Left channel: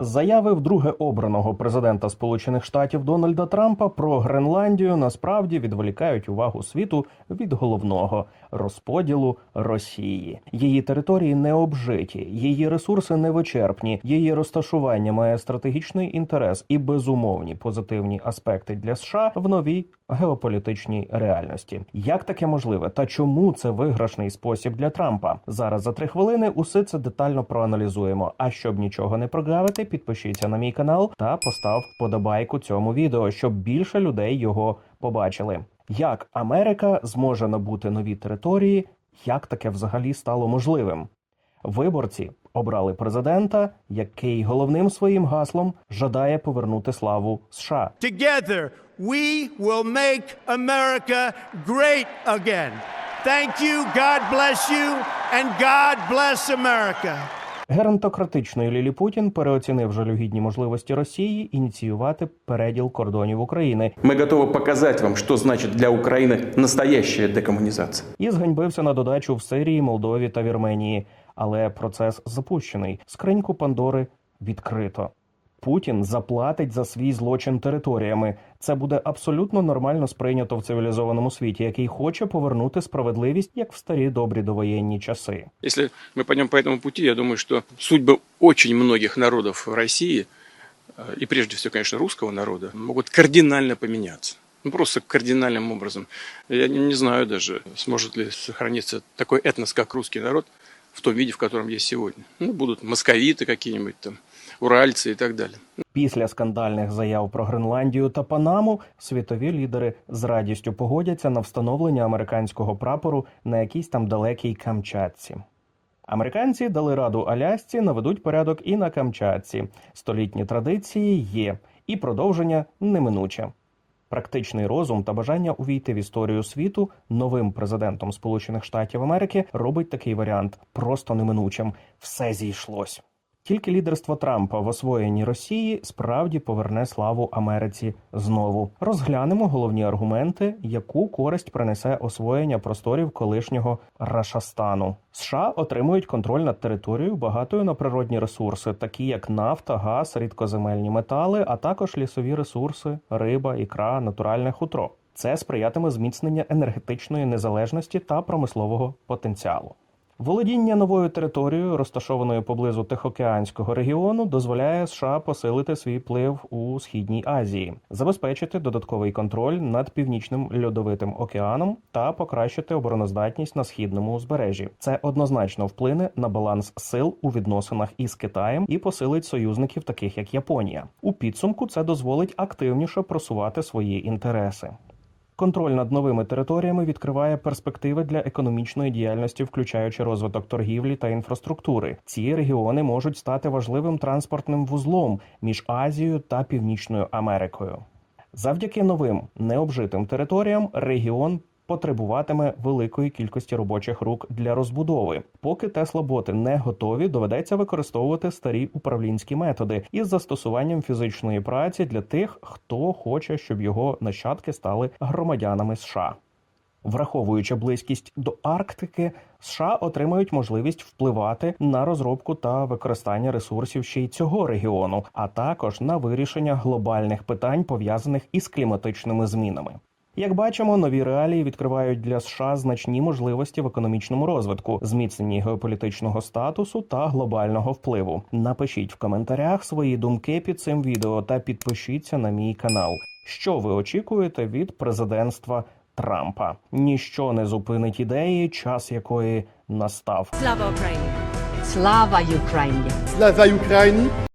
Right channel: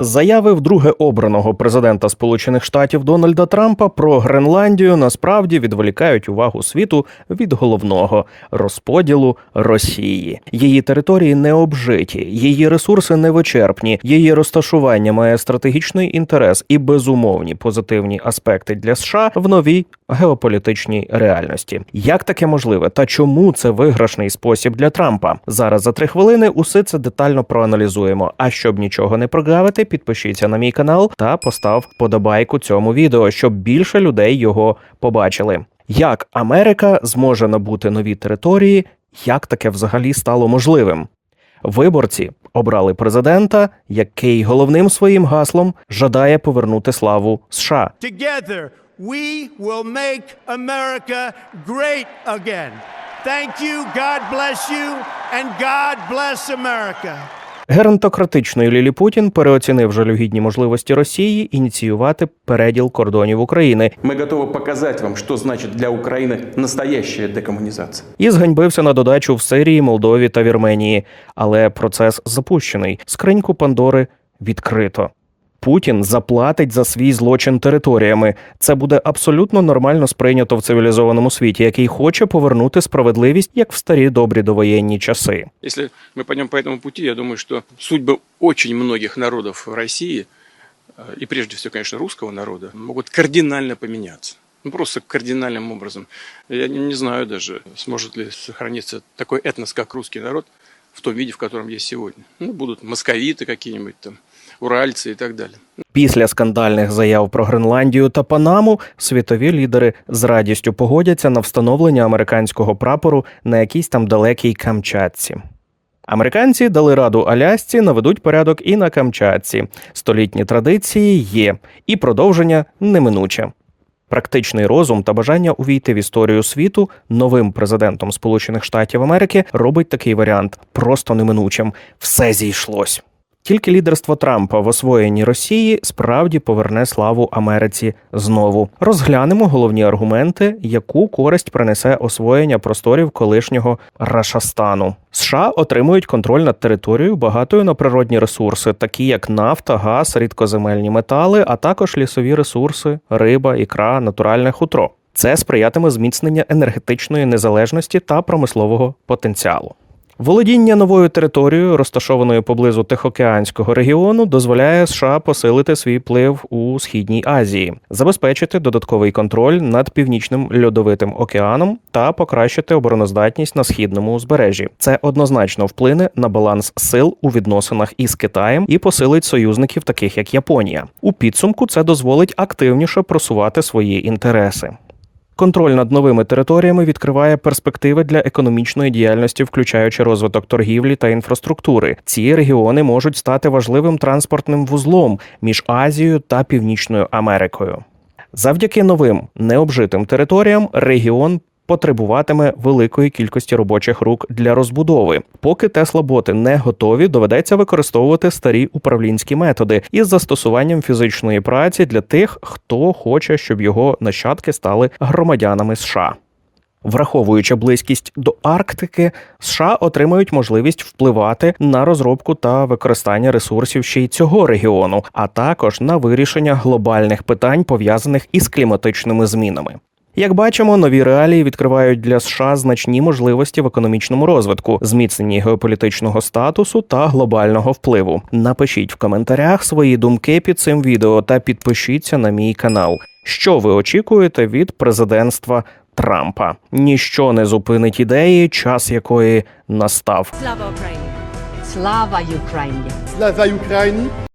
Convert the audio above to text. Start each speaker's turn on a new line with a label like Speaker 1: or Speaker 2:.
Speaker 1: Заяви вдруге обраного президента Сполучених Штатів Дональда Трампа про Гренландію насправді відволікають увагу світу від головного розподілу Росії. Її території не обжиті, її ресурси невичерпні, її розташування має стратегічний інтерес і безумовні позитивні аспекти для США в новій геополітичній реальності. Як таке можливе та чому це виграшний спосіб для Трампа? Зараз за три хвилини усе це детально проаналізуємо. А щоб нічого не прогавити, підпишіться на мій канал та постав подобайку цьому відео, щоб більше людей його побачили. Як Америка зможе набути нові території? Як таке взагалі стало можливим? Виборці обрали президента, який головним своїм гаслом жадає повернути славу США.
Speaker 2: Together, we will make America great again. Thank you, God bless you, and God bless America.
Speaker 1: Геронтократичний Лілі Путін переоцінив жалюгідні можливості Росії ініціювати переділ кордонів України
Speaker 3: Мы готовы показать вам, что значит для Украины настоящая декоммунизация.
Speaker 1: і зганьбився на додачу в Сирії, Молдові та Вірменії. Але процес запущений. Скриньку Пандори відкрито. Путін заплатить за свій злочин територіями. Це буде абсолютно нормально сприйнято в цивілізованому світі, який хоче повернути справедливість як в старі добрі довоєнні часи.
Speaker 4: Если мы пойдем по этому пути, я думаю, что судьбы очень многих народов в России, э, и прежде всего, конечно, русского народа, могут кардинально поменяться. Ну, просто кардинальным образом. Я не не знаю даже, сможет ли сохраниться такой этнос, как русский народ, в том виде, в котором есть сегодня. Ну, будут московиты какие-нибудь там, уральцы и так далее.
Speaker 1: Після скандальних заяв про Гренландію та Панаму світові лідери з радістю погодяться на встановлення американського прапору на якійсь там далекій Камчатці. Американці дали раду Алясці, наведуть порядок і на Камчатці. Столітні традиції є, і продовження неминуче. Практичний розум та бажання увійти в історію світу новим президентом Сполучених Штатів Америки робить такий варіант просто неминучим. Все зійшлось. Тільки лідерство Трампа в освоєнні Росії справді поверне славу Америці знову. Розглянемо головні аргументи, яку користь принесе освоєння просторів колишнього Рашастану. США отримують контроль над територією, багатою на природні ресурси, такі як нафта, газ, рідкоземельні метали, а також лісові ресурси, риба, ікра, натуральне хутро. Це сприятиме зміцнення енергетичної незалежності та промислового потенціалу. Володіння новою територією, розташованою поблизу Тихоокеанського регіону, дозволяє США посилити свій вплив у східній Азії, забезпечити додатковий контроль над північним льодовитим океаном та покращити обороноздатність на східному узбережжі. Це однозначно вплине на баланс сил у відносинах із Китаєм і посилить союзників, таких як Японія. У підсумку це дозволить активніше просувати свої інтереси. Контроль над новими територіями відкриває перспективи для економічної діяльності, включаючи розвиток торгівлі та інфраструктури. Ці регіони можуть стати важливим транспортним вузлом між Азією та Північною Америкою. Завдяки новим необжитим територіям регіон потребуватиме великої кількості робочих рук для розбудови. Поки Тесла-боти не готові, доведеться використовувати старі управлінські методи із застосуванням фізичної праці для тих, хто хоче, щоб його нащадки стали громадянами США. Враховуючи близькість до Арктики, США отримають можливість впливати на розробку та використання ресурсів ще й цього регіону, а також на вирішення глобальних питань пов'язаних із кліматичними змінами. Як бачимо, нові реалії відкривають для США значні можливості в економічному розвитку, зміцненні геополітичного статусу та глобального впливу. Напишіть в коментарях свої думки під цим відео та підпишіться на мій канал. Що ви очікуєте від президентства Трампа? Ніщо не зупинить ідеї, час якої настав.
Speaker 5: Слава Україні!
Speaker 6: Слава Україні!
Speaker 7: Slava Ukraini.